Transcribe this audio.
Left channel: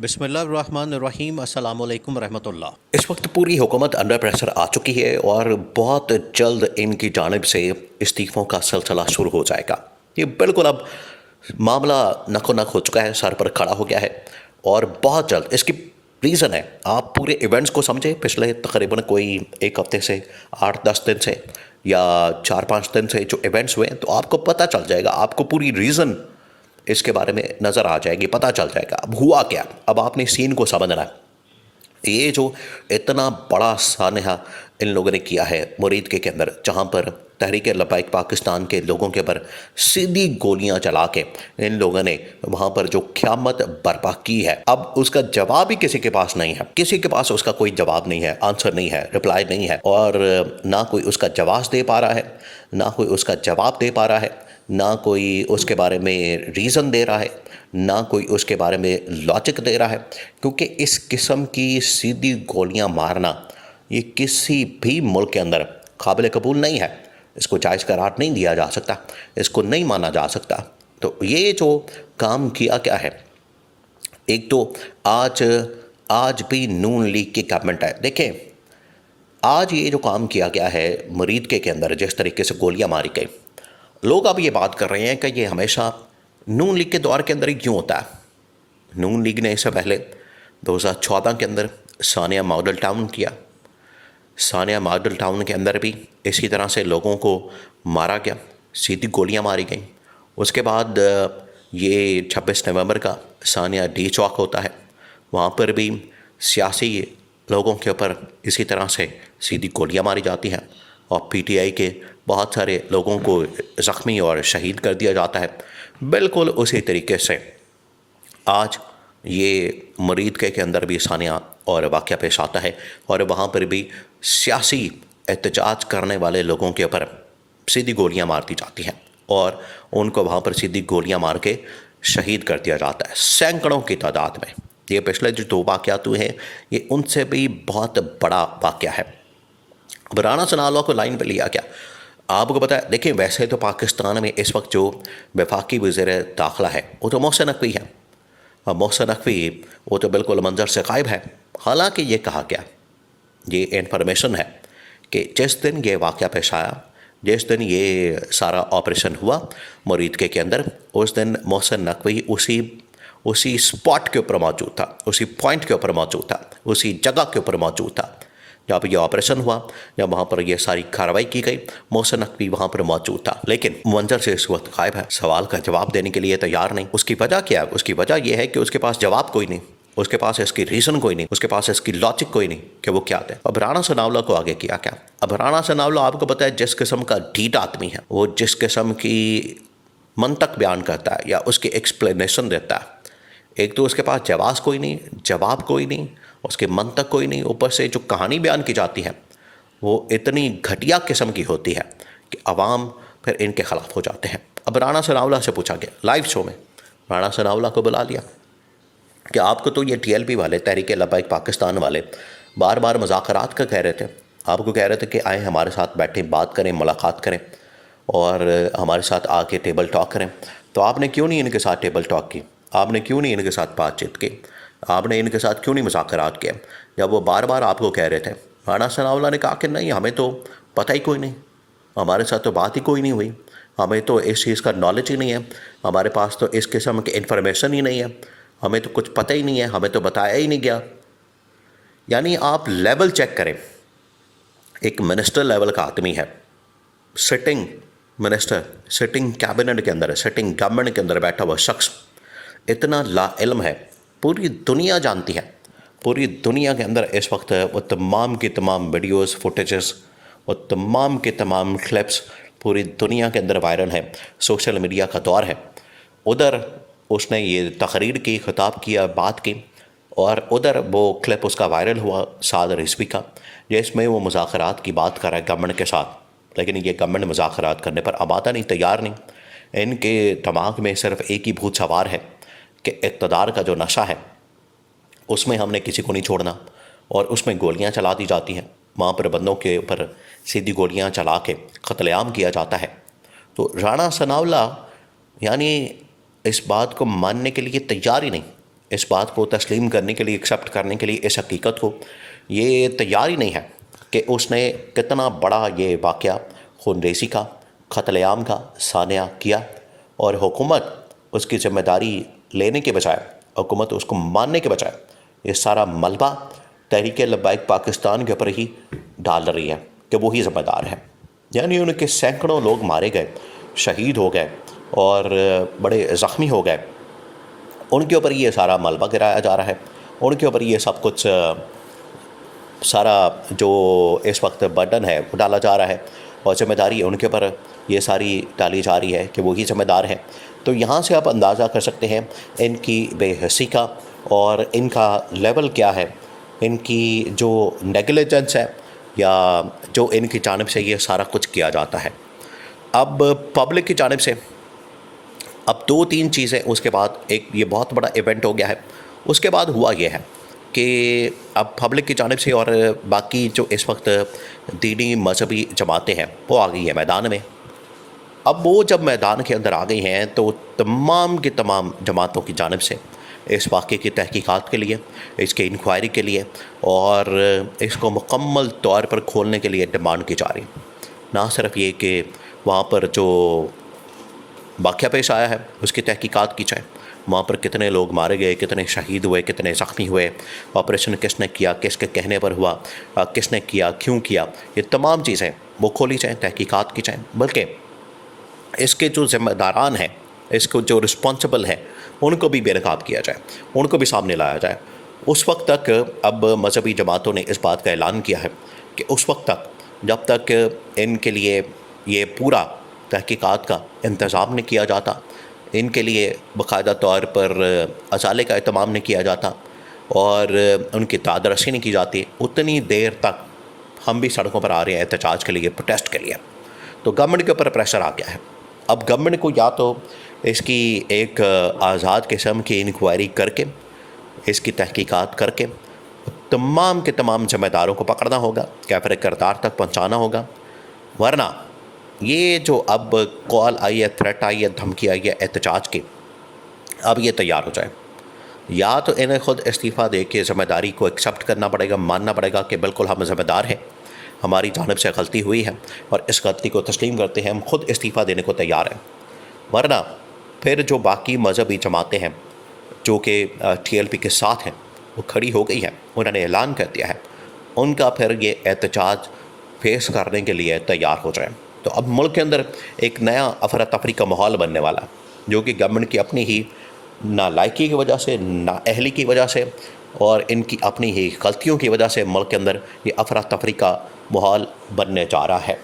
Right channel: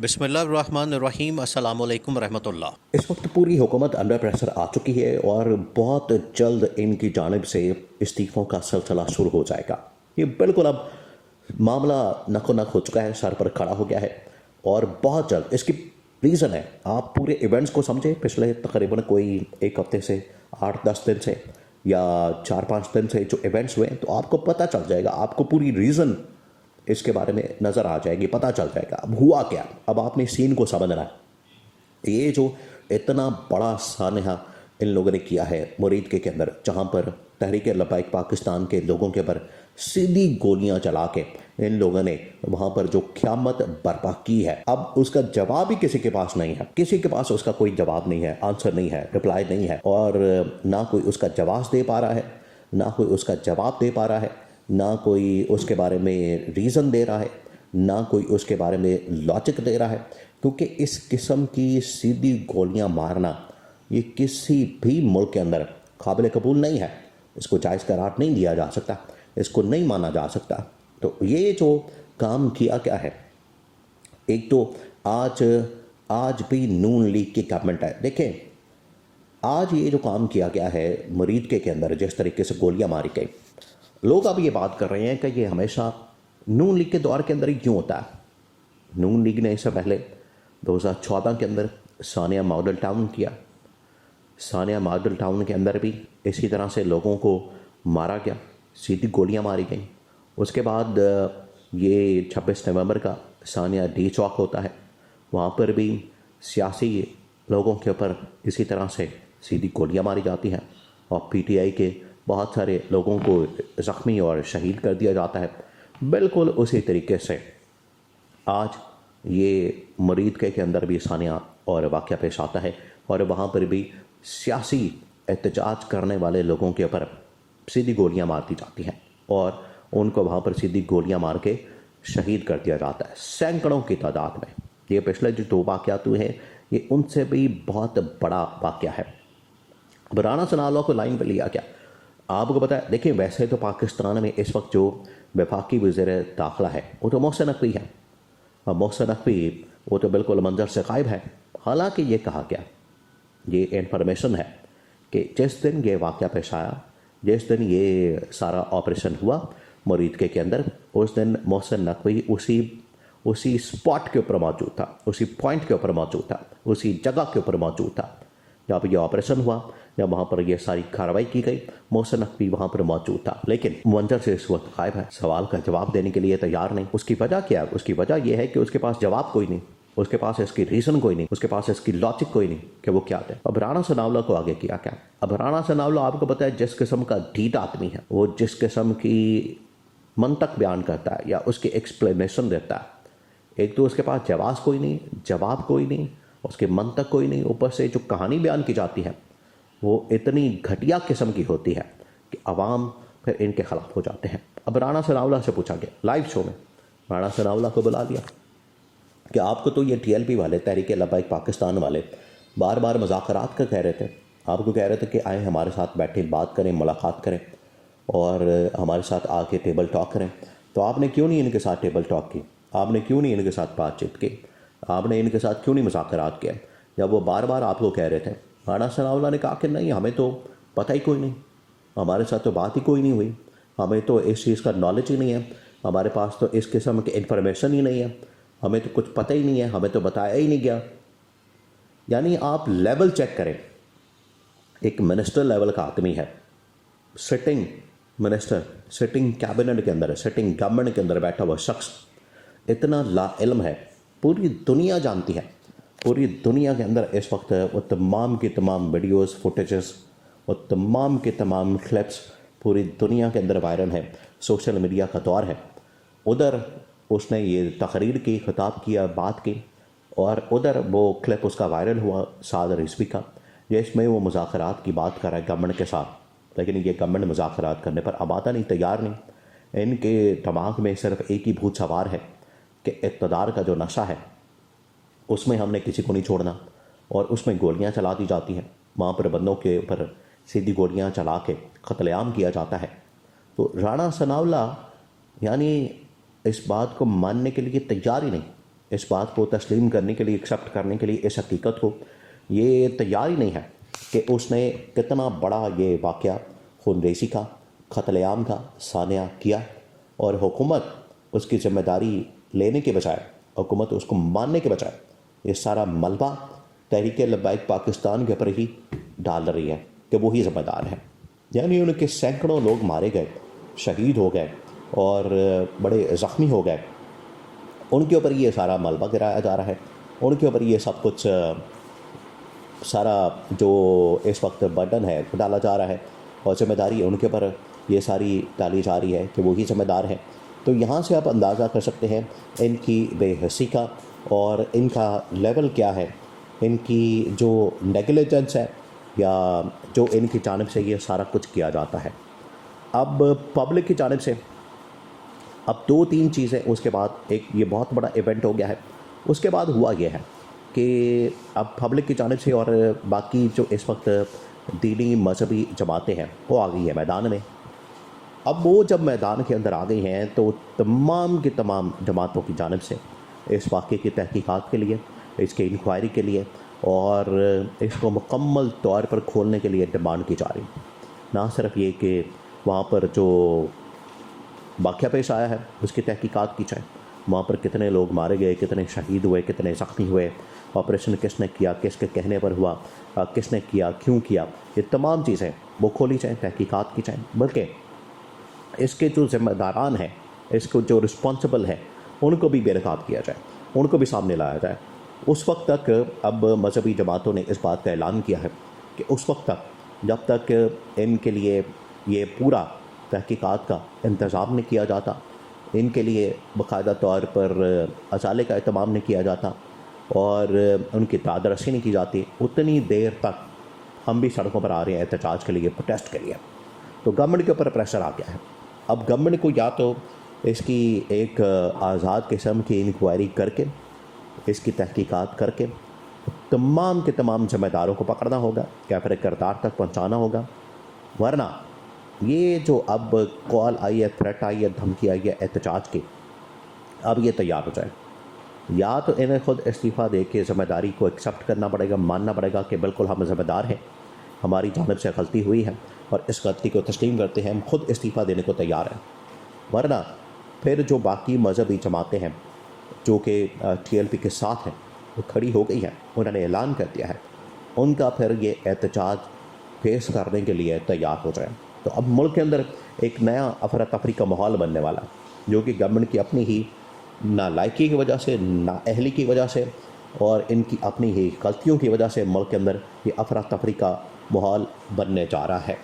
بسم اللہ الرحمن الرحیم، السلام علیکم ورحمۃ اللہ۔ اس وقت پوری حکومت انڈر پریشر آ چکی ہے اور بہت جلد ان کی جانب سے استعفوں کا سلسلہ شروع ہو جائے گا۔ یہ بالکل اب معاملہ نک و نک ہو چکا ہے، سر پر کھڑا ہو گیا ہے اور بہت جلد اس کی ریزن ہے۔ آپ پورے ایونٹس کو سمجھیں، پچھلے تقریباً کوئی ایک ہفتے سے 8-10 دن سے یا 4-5 دن سے جو ایونٹس ہوئے ہیں، تو آپ کو پتہ چل جائے گا، آپ کو پوری ریزن اس کے بارے میں نظر آ جائے گی، پتہ چل جائے گا اب ہوا کیا۔ اب آپ نے سین کو سمجھنا ہے۔ یہ جو اتنا بڑا سانحہ ان لوگوں نے کیا ہے مرید کے اندر، جہاں پر تحریک لبیک پاکستان کے لوگوں کے پر سیدھی گولیاں چلا کے ان لوگوں نے وہاں پر جو قیامت برپا کی ہے، اب اس کا جواب ہی کسی کے پاس نہیں ہے۔ کسی کے پاس اس کا کوئی جواب نہیں ہے، آنسر نہیں ہے، رپلائی نہیں ہے، اور نہ کوئی اس کا جواز دے پا رہا ہے، نہ کوئی اس کا جواب دے پا رہا ہے، نہ کوئی اس کے بارے میں ریزن دے رہا ہے، نہ کوئی اس کے بارے میں لاجک دے رہا ہے، کیونکہ اس قسم کی سیدھی گولیاں مارنا یہ کسی بھی ملک کے اندر قابل قبول نہیں ہے۔ اس کو جائز قرار نہیں دیا جا سکتا، اس کو نہیں مانا جا سکتا۔ تو یہ جو کام کیا کیا ہے، ایک تو آج بھی نون لیگ کی گورنمنٹ ہے۔ دیکھیں، آج یہ جو کام کیا گیا ہے مرید کے اندر، جس طریقے سے گولیاں ماری گئی، لوگ اب یہ بات کر رہے ہیں کہ یہ ہمیشہ نون لیگ کے دور کے اندر ہی کیوں ہوتا ہے۔ نون لیگ نے اس سے پہلے 2014 کے اندر ثانیہ ماڈل ٹاؤن کیا۔ ثانیہ ماڈل ٹاؤن کے اندر بھی اسی طرح سے لوگوں کو مارا گیا، سیدھی گولیاں ماری گئیں۔ اس کے بعد یہ 26 نومبر کا ثانیہ ڈی چوک ہوتا ہے، وہاں پر بھی سیاسی لوگوں کے اوپر اسی طرح سے سیدھی گولیاں ماری جاتی ہیں اور پی ٹی آئی کے بہت سارے لوگوں کو زخمی اور شہید کر دیا جاتا ہے۔ بالکل اسی طریقے سے آج یہ مرید کے اندر بھی ثانیہ اور واقعہ پیش آتا ہے، اور وہاں پر بھی سیاسی احتجاج کرنے والے لوگوں کے اوپر سیدھی گولیاں مار دی جاتی ہیں اور ان کو وہاں پر سیدھی گولیاں مار کے شہید کر دیا جاتا ہے، سینکڑوں کی تعداد میں۔ یہ پچھلے جو 2 واقعات ہوئے ہیں، یہ ان سے بھی بہت بڑا واقعہ ہے۔ اب رانا ثناء اللہ کو لائن پہ لیا گیا۔ آپ کو پتہ ہے، دیکھیں، ویسے تو پاکستان میں اس وقت جو وفاقی وزیر داخلہ ہے وہ تو محسن نقوی ہے، اور محسن نقوی وہ تو بالکل منظر سے غائب ہے۔ حالانکہ یہ کہا گیا، یہ انفارمیشن ہے کہ جس دن یہ واقعہ پیش آیا، جس دن یہ سارا آپریشن ہوا مرید کے اندر، اس دن محسن نقوی اسی اسپاٹ کے اوپر موجود تھا، اسی پوائنٹ کے اوپر موجود تھا، اسی جگہ کے اوپر موجود تھا جہاں پہ یہ آپریشن ہوا، جب وہاں پر یہ ساری کارروائی کی گئی۔ محسن نقوی وہاں پر موجود تھا، لیکن منظر سے اس وقت غائب ہے، سوال کا جواب دینے کے لیے تیار نہیں۔ اس کی وجہ کیا ہے؟ اس کی وجہ یہ ہے کہ اس کے پاس جواب کوئی نہیں، اس کے پاس اس کی ریزن کوئی نہیں، اس کے پاس اس کی لاجک کوئی نہیں کہ وہ کیا ہے۔ اب رانا ثناء اللہ کو آگے کیا کیا؟ اب رانا ثناء اللہ آپ کو پتہ ہے جس قسم کا ڈھیٹ آدمی ہے، وہ جس قسم کی منطق بیان کرتا ہے یا اس کی ایکسپلینیشن دیتا ہے، ایک تو اس کے پاس جواز کوئی نہیں، جواب کوئی نہیں، اس کے منطق کوئی نہیں، اوپر سے جو کہانی بیان کی جاتی ہے وہ اتنی گھٹیا قسم کی ہوتی ہے کہ عوام پھر ان کے خلاف ہو جاتے ہیں۔ اب رانا ثناء اللہ سے پوچھا گیا لائیو شو میں، رانا ثناء اللہ کو بلا لیا کہ آپ کو تو یہ ٹی ایل پی والے، تحریک لبیک پاکستان والے بار بار مذاکرات کا کہہ رہے تھے، آپ کو کہہ رہے تھے کہ آئیں ہمارے ساتھ بیٹھیں، بات کریں، ملاقات کریں اور ہمارے ساتھ آ کے ٹیبل ٹاک کریں، تو آپ نے کیوں نہیں ان کے ساتھ ٹیبل ٹاک کی؟ آپ نے کیوں نہیں ان کے ساتھ بات چیت کی؟ آپ نے ان کے ساتھ کیوں نہیں مذاکرات کیا جب وہ بار بار آپ کو کہہ رہے تھے؟ رانا ثناء اللہ نے کہا کہ نہیں، ہمیں تو پتہ ہی کوئی نہیں، ہمارے ساتھ تو بات ہی کوئی نہیں ہوئی، ہمیں تو اس چیز کا نالج ہی نہیں ہے، ہمارے پاس تو اس قسم کی انفارمیشن ہی نہیں ہے، ہمیں تو کچھ پتہ ہی نہیں ہے، ہمیں تو بتایا ہی نہیں گیا۔ یعنی آپ لیول چیک کریں، ایک منسٹر لیول کا آدمی ہے، سٹنگ منسٹر، سٹنگ کیبنٹ کے اندر، سٹنگ گورنمنٹ کے اندر بیٹھا ہوا شخص اتنا لا علم ہے، پوری دنیا جانتی ہے، پوری دنیا کے اندر اس وقت وہ تمام کی تمام ویڈیوز، فوٹیجز، وہ تمام کے تمام کلپس پوری دنیا کے اندر وائرل ہے، سوشل میڈیا کا دور ہے۔ ادھر اس نے یہ تقریر کی، خطاب کیا، بات کی، اور ادھر وہ کلپ اس کا وائرل ہوا سعد رضوی کا، جس میں وہ مذاکرات کی بات کر رہا ہے گورنمنٹ کے ساتھ، لیکن یہ گورنمنٹ مذاکرات کرنے پر آمادہ نہیں، تیار نہیں۔ ان کے دماغ میں صرف ایک ہی بھوت سوار ہے کہ اقتدار کا جو نشہ ہے اس میں ہم نے کسی کو نہیں چھوڑنا، اور اس میں گولیاں چلا دی جاتی ہیں، وہاں پر بندوں کے اوپر سیدھی گولیاں چلا کے قتل عام کیا جاتا ہے۔ تو رانا ثناء اللہ یعنی اس بات کو ماننے کے لیے تیار ہی نہیں، اس بات کو تسلیم کرنے کے لیے، ایکسیپٹ کرنے کے لیے اس حقیقت کو، یہ تیار ہی نہیں ہے کہ اس نے کتنا بڑا یہ واقعہ خون ریزی کا، قتل عام کا سانحہ کیا، اور حکومت اس کی ذمہ داری لینے کے بجائے، حکومت اس کو ماننے کے بجائے یہ سارا ملبہ تحریک لبیک پاکستان کے اوپر ہی ڈال رہی ہے کہ وہی ذمہ دار ہے۔ یعنی ان کے سینکڑوں لوگ مارے گئے، شہید ہو گئے اور بڑے زخمی ہو گئے، ان کے اوپر یہ سارا ملبہ گرایا جا رہا ہے، ان کے اوپر یہ سب کچھ سارا جو اس وقت برڈن ہے وہ ڈالا جا رہا ہے، اور ذمہ داری ان کے اوپر یہ ساری ڈالی جا رہی ہے کہ وہی ذمہ دار ہیں۔ تو یہاں سے آپ اندازہ کر سکتے ہیں ان کی بے حسی کا، اور ان کا لیول کیا ہے، ان کی جو نیگلیجنس ہے یا جو ان کی جانب سے یہ سارا کچھ کیا جاتا ہے۔ اب پبلک کی جانب سے اب 2-3 چیزیں، اس کے بعد ایک یہ بہت بڑا ایونٹ ہو گیا ہے، اس کے بعد ہوا یہ ہے کہ اب پبلک کی جانب سے اور باقی جو اس وقت دینی مذہبی جماعتیں ہیں وہ آ گئی ہیں میدان میں۔ اب وہ جب میدان کے اندر آ گئی ہیں تو تمام کی تمام جماعتوں کی جانب سے اس واقعے کی تحقیقات کے لیے، اس کی انکوائری کے لیے، اور اس کو مکمل طور پر کھولنے کے لیے ڈیمانڈ کی جا رہی۔ نہ صرف یہ کہ وہاں پر جو واقعہ پیش آیا ہے اس کی تحقیقات کی جائے، وہاں پر کتنے لوگ مارے گئے، کتنے شہید ہوئے، کتنے زخمی ہوئے، آپریشن کس نے کیا، کس کے کہنے پر ہوا، کس نے کیا، کیوں کیا، یہ تمام چیزیں وہ کھولی جائیں، تحقیقات کی جائیں، بلکہ اس کے جو ذمہ داران ہیں، اس کو جو رسپانسبل ہیں، ان کو بھی بے نقاب کیا جائے، ان کو بھی سامنے لایا جائے۔ اس وقت تک اب مذہبی جماعتوں نے اس بات کا اعلان کیا ہے کہ اس وقت تک جب تک ان کے لیے یہ پورا تحقیقات کا انتظام نہیں کیا جاتا، ان کے لیے باقاعدہ طور پر ازالے کا اہتمام نہیں کیا جاتا اور ان کی داد رسی نہیں کی جاتی، اتنی دیر تک ہم بھی سڑکوں پر آ رہے ہیں احتجاج کے لیے، پروٹیسٹ کے لیے۔ تو گورنمنٹ کے اوپر پریشر آ گیا ہے۔ اب گورنمنٹ کو یا تو اس کی ایک آزاد قسم کی انکوائری کر کے، اس کی تحقیقات کر کے تمام کے تمام ذمہ داروں کو پکڑنا ہوگا، کیفر کردار تک پہنچانا ہوگا، ورنہ یہ جو اب کال آئی ہے، تھریٹ آئی ہے، دھمکی آئی ہے احتجاج کی، اب یہ تیار ہو جائے۔ یا تو انہیں خود استعفیٰ دے کے ذمہ داری کو ایکسیپٹ کرنا پڑے گا، ماننا پڑے گا کہ بالکل ہم ذمہ دار ہیں، ہماری جانب سے غلطی ہوئی ہے اور اس غلطی کو تسلیم کرتے ہیں، ہم خود استعفیٰ دینے کو تیار ہیں، ورنہ پھر جو باقی مذہبی جماعتیں ہیں جو کہ TLP کے ساتھ ہیں وہ کھڑی ہو گئی ہیں، انہوں نے اعلان کر دیا ہے، ان کا پھر یہ احتجاج فیس کرنے کے لیے تیار ہو جائیں۔ تو اب ملک کے اندر ایک نیا افراتفری کا ماحول بننے والا ہے، جو کہ گورنمنٹ کی اپنی ہی نالائکی کی وجہ سے، نااہلی کی وجہ سے اور ان کی اپنی ہی غلطیوں کی وجہ سے ملک کے اندر یہ افراتفری کا ماحول بننے جا رہا ہے۔